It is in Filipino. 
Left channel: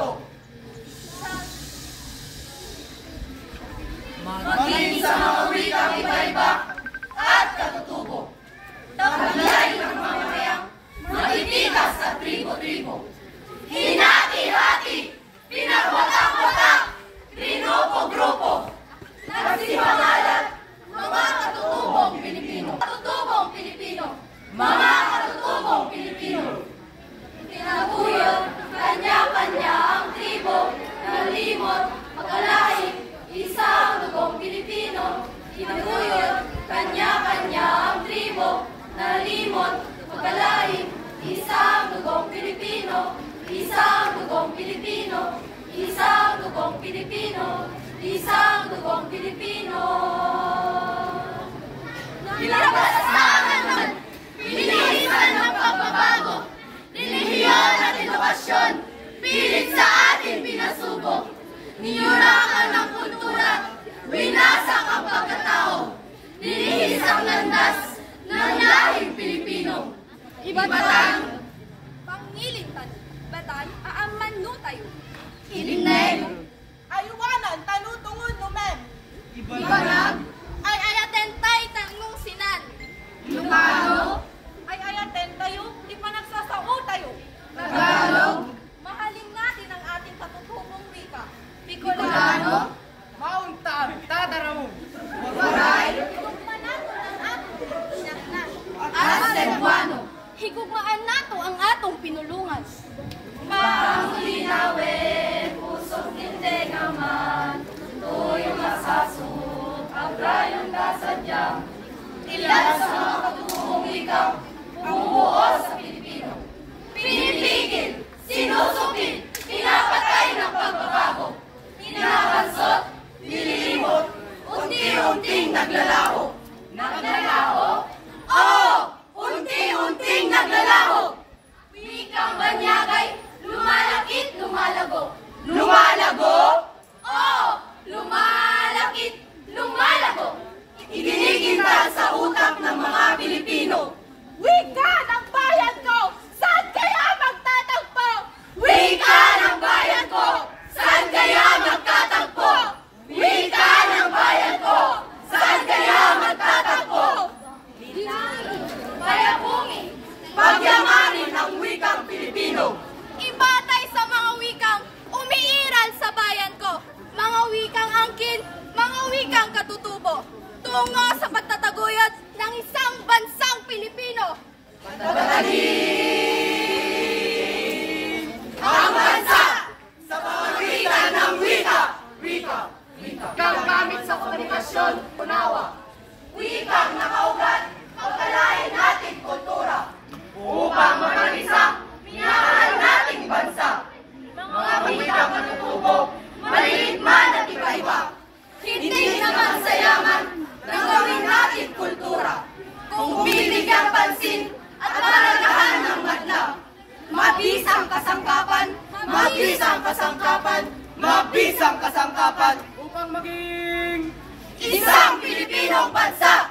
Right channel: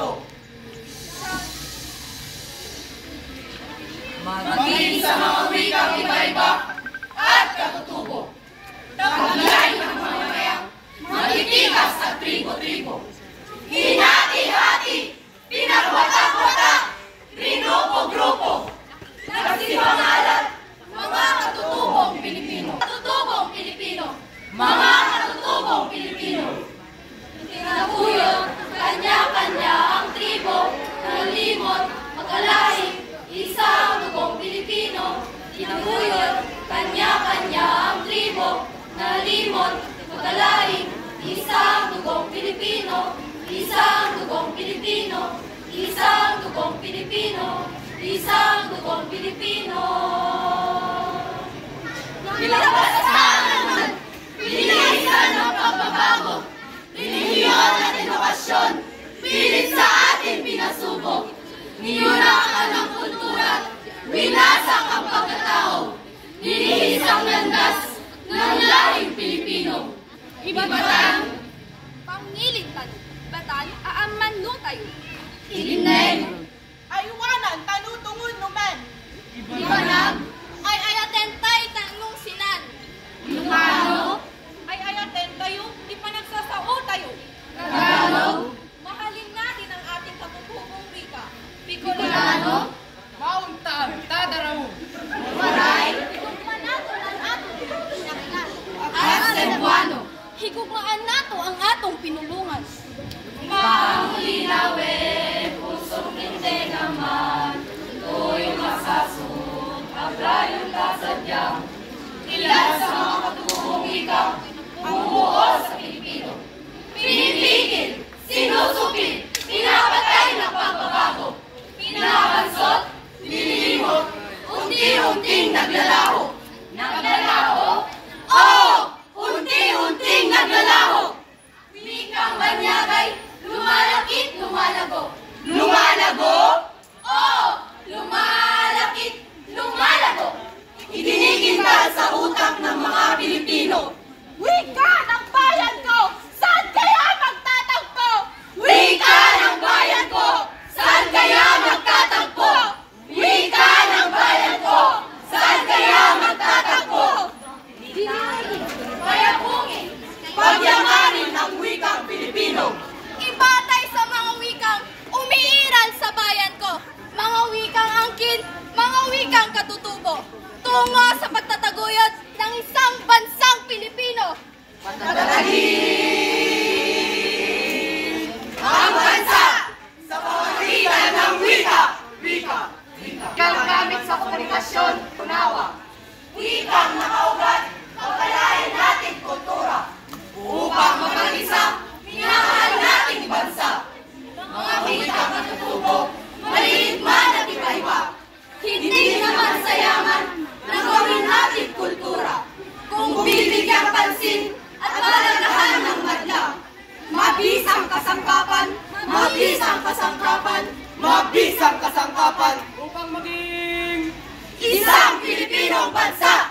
ito. Maging sa mga wikang iba-iba at katutubo. Taglay ng mga mayang magtitikas at tribo-tribo. Hinati-hati, pinagwatak-watak, grupo-grupo. Nagsipangalan, mga katutubong Pilipino. Katutubong Pilipino. Mga katutubong Pilipino. Tinaguyod, kanya-kanya ang tribo, nalimot, magkalaing, isang dugong Pilipino. Tinaguyod, kanya-kanya ang tribo, nalimot, magkalaing, isang dugong Pilipino. Isang dugong Pilipino. Isang dugong Pilipino. Isang dugong Pilipino. Ilabasan, pinilisan ng pagbabago, linihiyan at edukasyon, pilit sa atin pinasubok, niyurakan ng kultura, winasak ang pagkatao, linihis ang landas ng lahing Pilipino. Ibatan, Pangilitan, batan, aaman no tayo. ilineng, Ayuwanan, tanutungod numan. ibanag, Ay ayatentay tanong sinan. Ilocano, Ay ayaten tayo, ipanagsasao tayo. Tagalog, Mahalin natin ang ating katutubong wika. Bicolano, Mauntang, tadaraw. Waray, Manato ang atong pinakailan. at Cebuano. Higugmaan nato ang atong pinulungan. Panglinawin, pusong hindi naman, tuyong nasasud, abrayong kasadyang, ilan sa mga katutubong ikaw, bumuo sa Pilipino. Pinipigil, sinusupin, pinapatay ng pagbabago, pinakansot, nililimot, unti-unting naglalaho. Naglalaho? Oo! Unti-unting naglalaho! Wikang banyagay, lumalakit, lumalago. Lumalago? Oo! Lumalakit, lumalago. Idiniginta sa utak ng mga Pilipino. Wika ng bayan ko! Saan kaya magtatagpo? Wika ng bayan ko! Saan kaya magtatagpo? Wika ng bayan ko! Saan kaya magtatagpo? Payapungin, pagyamanin ang wikang Pilipino. Ibatay sa mga wikang umiiral sa bayan ko. Mga wikang angkin, mga wikang katutubo. Tungo sa pagtataguyod ng isang bansang Pilipino. Patatagin ang bansa sa pamamagitan ng wika. Wika. Ginagamit sa komunikasyon, unawa. Wikang nakaugat, pagkalain natin kultura. Upang mapag-isa, minahal nating bansa. Mga wikang katutubo, maliit man at iba-iba. Hindi naman sayangan na gawin natin kultura. Kung bibigyan pansin at palagahan ng madla. Mabisang kasangkapan, mabisang kasangkapan, mabisang kasangkapan. Upang maging Isang Pilipinong bansa!